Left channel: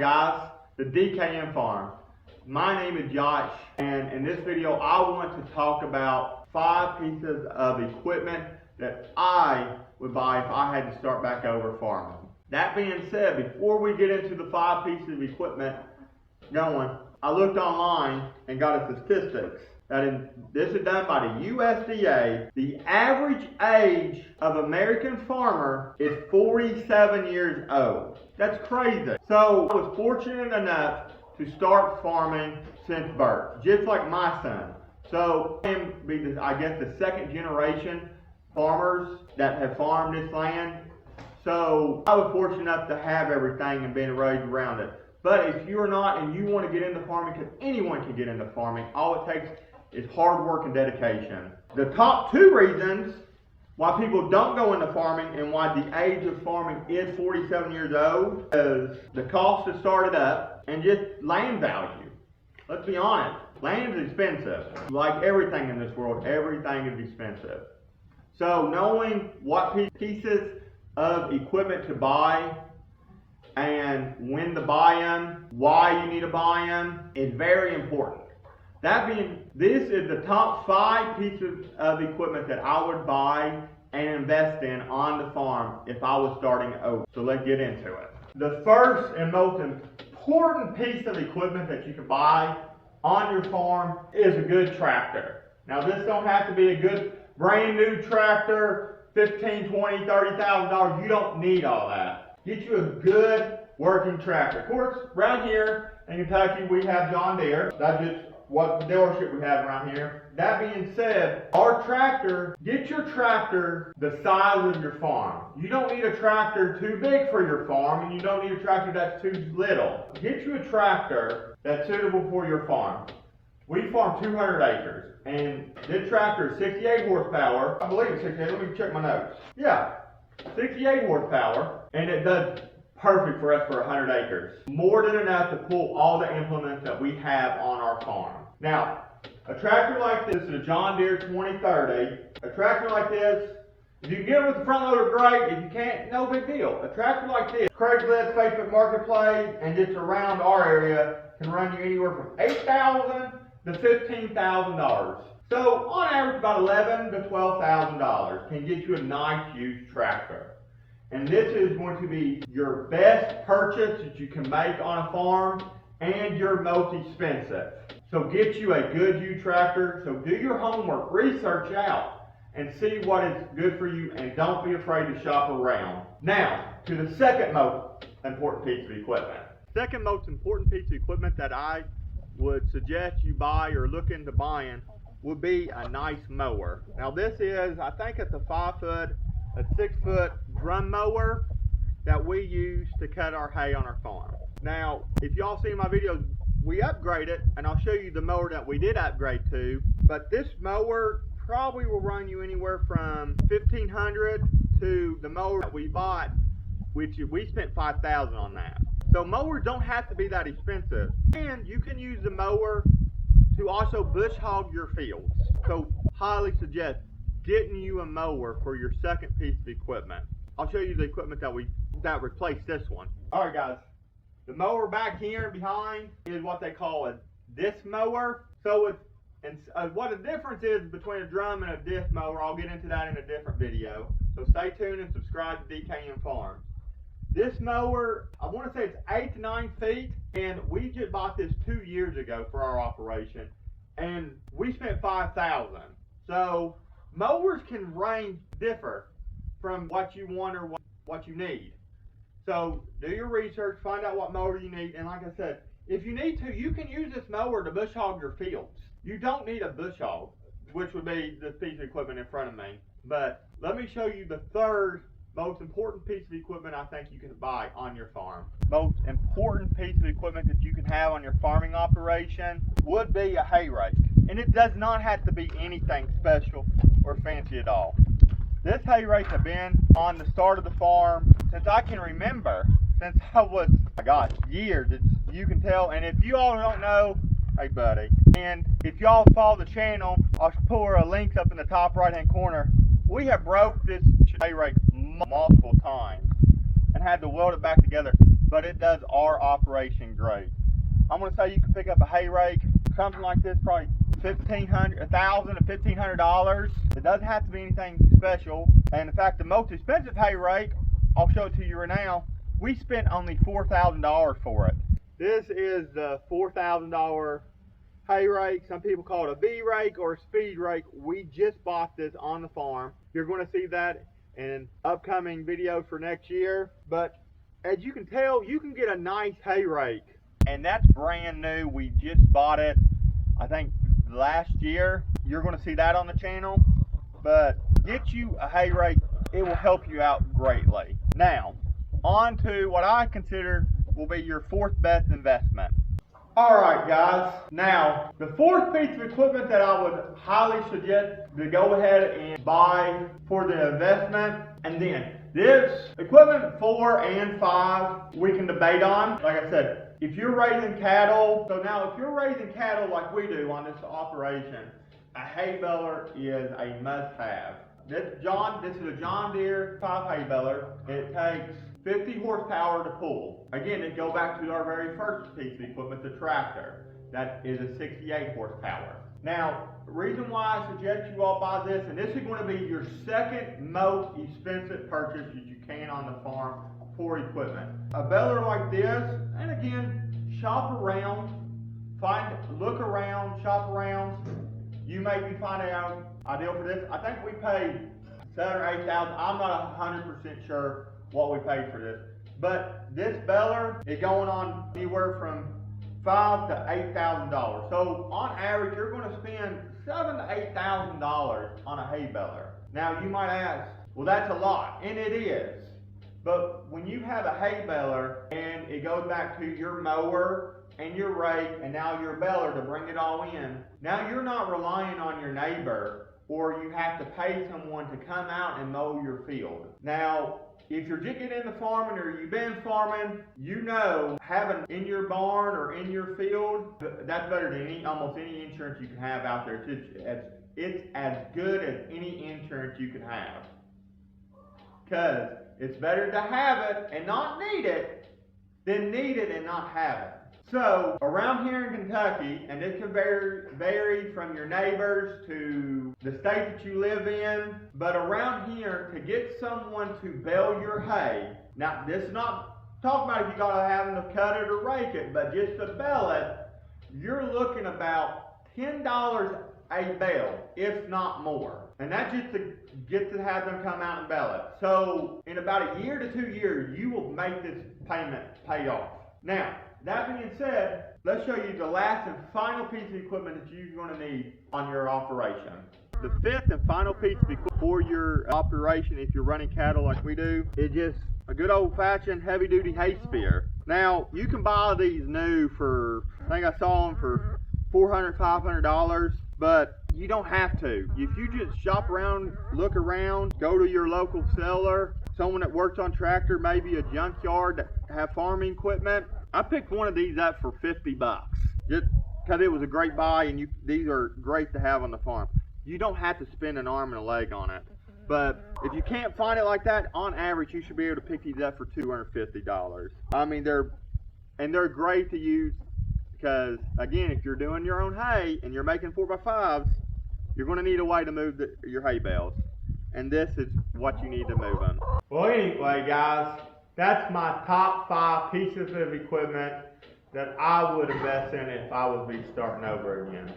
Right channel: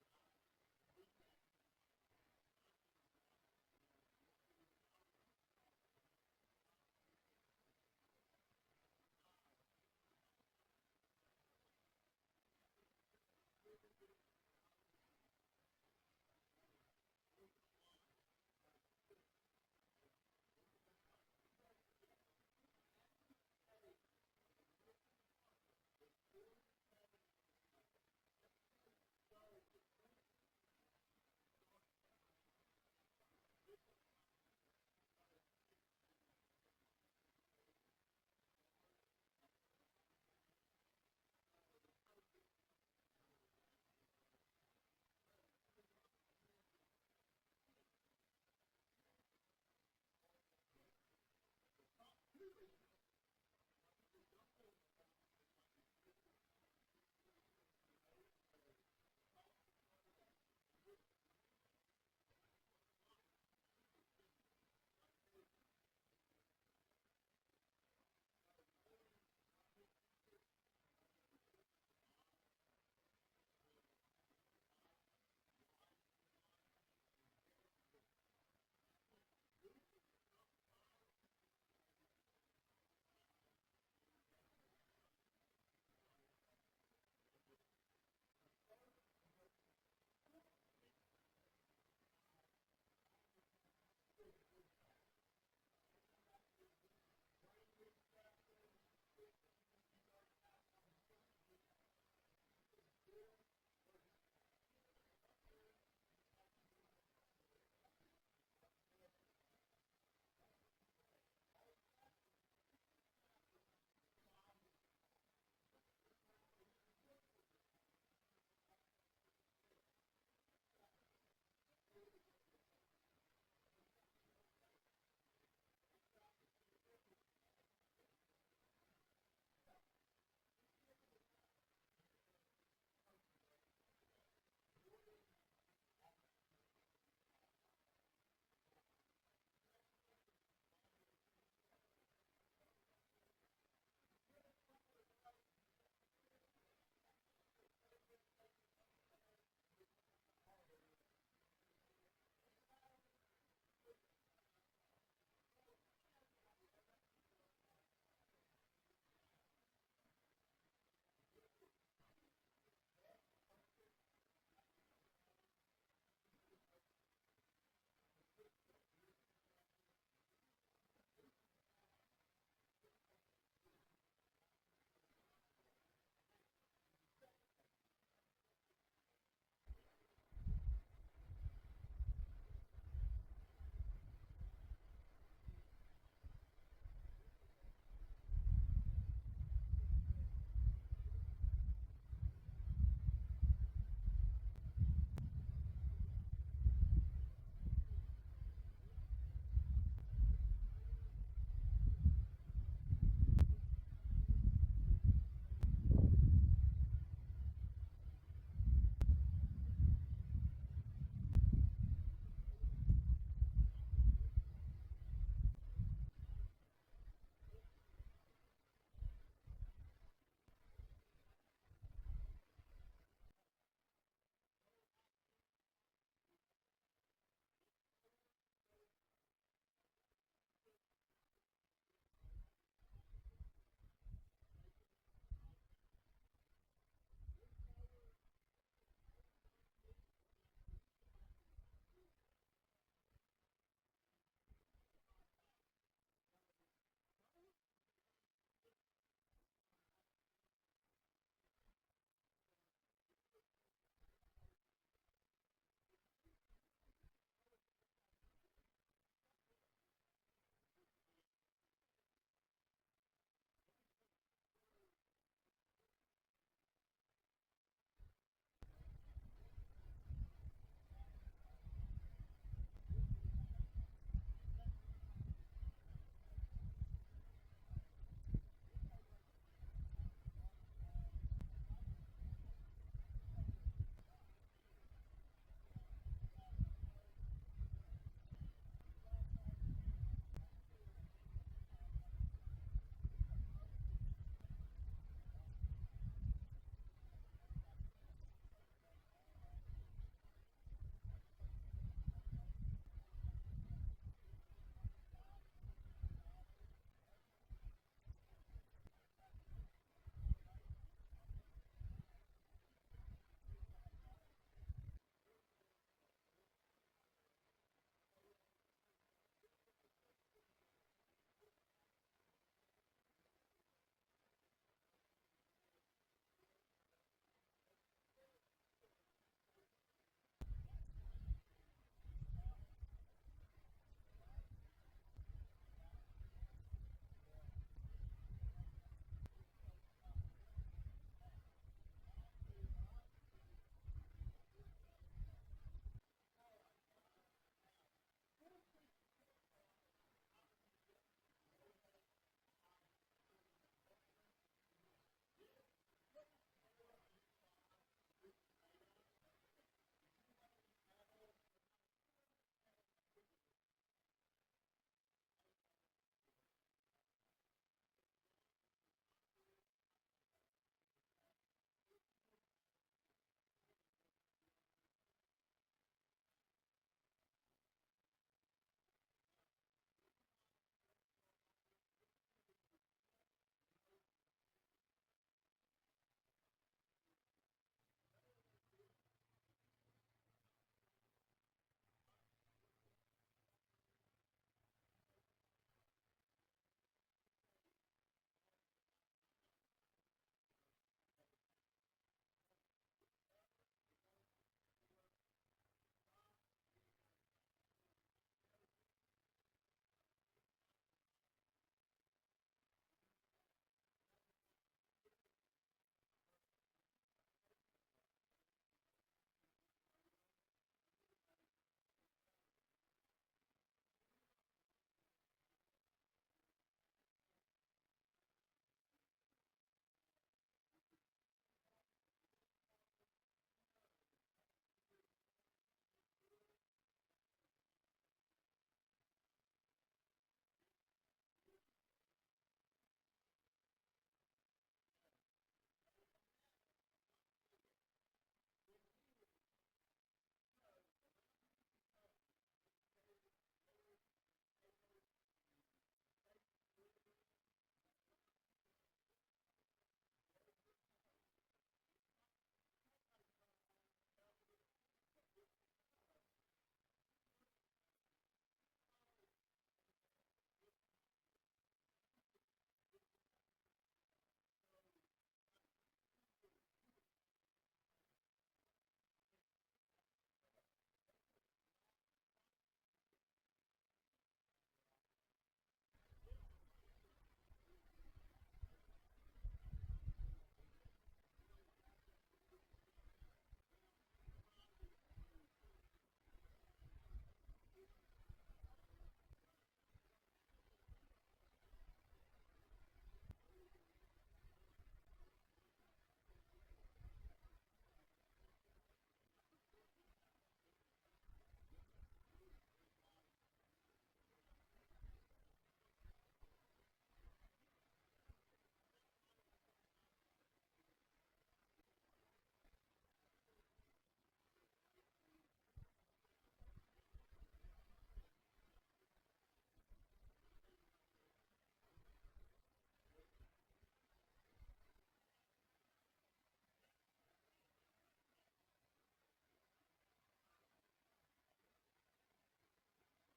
guys, the DKM Farm. My name is Josh, and in this video I want to talk about 5 pieces of equipment that I would buy if I had to start back over farming. That being said, before we get into the 5 pieces of equipment going, I looked online and got a statistics that this is done by the USDA. The average age of American farmer is 47 years old. That's crazy. So I was fortunate enough to start farming since birth, just like my son. So I am, I guess, the second generation farmers that have farmed this land. So I was fortunate enough to have everything and being raised around it. But if you're not and you want to get into farming, because anyone can get into farming, all it takes is hard work and dedication. The top 2 reasons why people don't go into farming and why the age of farming is 47 years old is the cost to start it up and just land value. Let's be honest, land is expensive. Like everything in this world, everything is expensive. So knowing what pieces of equipment to buy and when to buy them, why you need to buy them is very important. This is the top 5 pieces of equipment that I would buy and invest in on the farm if I was starting over. So let's get into it. The first and most important piece of equipment that you can buy on your farm is a good tractor. Now this don't have to be a good brand new tractor, $15,000, $20,000, $30,000. You don't need all that. Get you a good working tractor. Of course, around here in Kentucky we have John Deere. That's just what dealership we have around here. That being said, our tractor, get your tractor the size of your farm. You don't need a tractor too big for your farm, and you don't need a tractor that's too little. Get you a tractor that's suitable for your farm. We farm 200 acres, and this tractor is 68 horsepower. I believe it's 68, let me check my notes. Yeah, 68 horsepower, and it does perfect for us for 100 acres. More than enough to pull all the implements that we have on our farm. Now, a tractor like this is a John Deere 2030. A tractor like this, if you can get it with the front loader, great. If you can't, no big deal. A tractor like this, Craigslist, Facebook Marketplace, and just around our area can run you anywhere from $8,000 to $15,000. So on average, about $11,000 to $12,000 can get you a nice used tractor. And this is going to be your best purchase that you can make on a farm and your most expensive. So get you a good used tractor. So do your homework, research out, and see what is good for you, and don't be afraid to shop around. Now, to the second most important piece of equipment. Second most important piece of equipment that I would suggest you buy or look into buying would be a nice mower. Now this is, I think it's a 6-foot drum mower that we use to cut our hay on our farm. Now, if y'all see my videos, we upgraded, and I'll show you the mower that we did upgrade to. But this mower probably will run you anywhere from $1,500 to the mower that we bought, which we spent $5,000 on that. So mowers don't have to be that expensive, and you can use the mower to also bush hog your fields. So highly suggest getting you a mower for your second piece of equipment. I'll show you the equipment that replaced this one. All right, guys. The mower back here and behind is what they call a disc mower. So what the difference is between a drum and a disc mower, I'll get into that in a different video. So stay tuned and subscribe to DKM Farms. This mower, I want to say it's 8 to 9 feet, and we just bought this 2 years ago for our operation, and we spent $5,000. So mowers can differ from what you want or what you need. So do your research, find out what mower you need, and like I said, if you need to, you can use this mower to bush hog your fields. You don't need a bush hog, which would be this piece of equipment in front of me. But let me show you the third most important piece of equipment I think you can buy on your farm. Most important piece of equipment that you can have on your farming operation would be a hay rake. And it does not have to be anything special or fancy at all. This hay rake has been on the start of the farm since I can remember, since I was, my gosh, years, you can tell. And if you all don't know, hey buddy, and if y'all follow the channel, I'll put a link up in the top right hand corner. We have broke this hay rake multiple times and had to weld it back together but it does our operation great. I'm gonna say you can pick up a hay rake, something like this, probably $1,500 to $1,500. It doesn't have to be anything special. And in fact, the most expensive hay rake, I'll show it to you right now, we spent only $4,000 for it. This is the $4,000 hay rake. Some people call it a V rake or a speed rake. We just bought this on the farm. You're going to see that in upcoming videos for next year. But as you can tell, you can get a nice hay rake, and that's brand new. We just bought it, I think, last year. You're going to see that on the channel. But get you a hay rake, it will help you out greatly. Now, on to what I consider will be your fourth best investment. Alright guys, now the fourth piece of equipment that I would highly suggest to go ahead and buy for the investment, and then this equipment 4 and 5 we can debate on. Like I said, if you're raising cattle, so now if you're raising cattle like we do on this operation, a hay baler is a must-have. This is a John Deere 5 hay baler. It takes 50 horsepower to pull. Again, it go back to our very first piece of equipment, the tractor. That is a 68 horsepower. Now, the reason why I suggest you all buy this, and this is going to be your second most expensive purchase that you can on the farm for equipment. A baler like this, and again, shop around, look around, shop around. You may be finding out ideal for this. I think we paid $7,000 or $8,000. I'm not 100% sure what we paid for this, but this baler is going on anywhere from $5,000 to $8,000. So on average, you're going to spend $7,000 to $8,000 on a hay baler. Now you might ask, well, that's a lot, and it is. But when you have a hay baler and it goes back to your mower and your rake and now your baler to bring it all in, now you're not relying on your neighbor, or you have to pay someone to come out and mow your field. Now, if you're just getting into farming or you've been farming, you know having in your barn or in your field, that's better than almost any insurance you can have out there. It's as good as any insurance you can have. Because it's better to have it and not need it than need it and not have it. So around here in Kentucky, and this can vary from your neighbors to the state that you live in, but around here, to get someone to bale your hay, now this is not talking about if you gotta have them to cut it or rake it, but just to bale it, you're looking about $10 a bale, if not more. And that's just to get to have them come out and bale it. So in about a year to 2 years, you will make this payment paid off. Now, that being said, let's show you the last and final piece of equipment that you're going to need on your operation. The fifth and final piece of equipment for your operation, if you're running cattle like we do, is just a good old-fashioned heavy-duty hay spear. Now, you can buy these new for, I think I saw them for $400, $500, but you don't have to. If you just shop around, look around, go to your local seller, someone that works on tractor, maybe a junkyard that have farming equipment. I picked one of these up for $50, just because it was a great buy, and these are great to have on the farm. You don't have to spend an arm and a leg on it. But if you can't find it like that, on average, you should be able to pick these up for $250. I mean, they're great to use because, again, if you're doing your own hay and you're making 4x5s, you're going to need a way to move your hay bales. And this is what you need to move them. Well, anyway, guys, that's my top 5 pieces of equipment that I would invest in if I would be starting over again.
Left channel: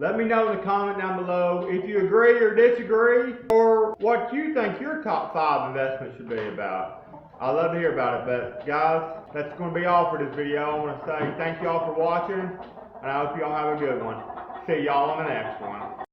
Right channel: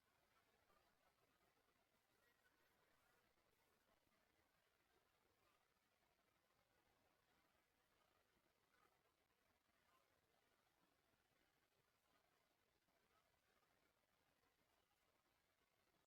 Let me know in the comment down below if you agree or disagree, or what you think your top 5 investments should be about. I'd love to hear about it, but guys, that's going to be all for this video. I want to say thank you all for watching, and I hope you all have a good one. See y'all on the next one.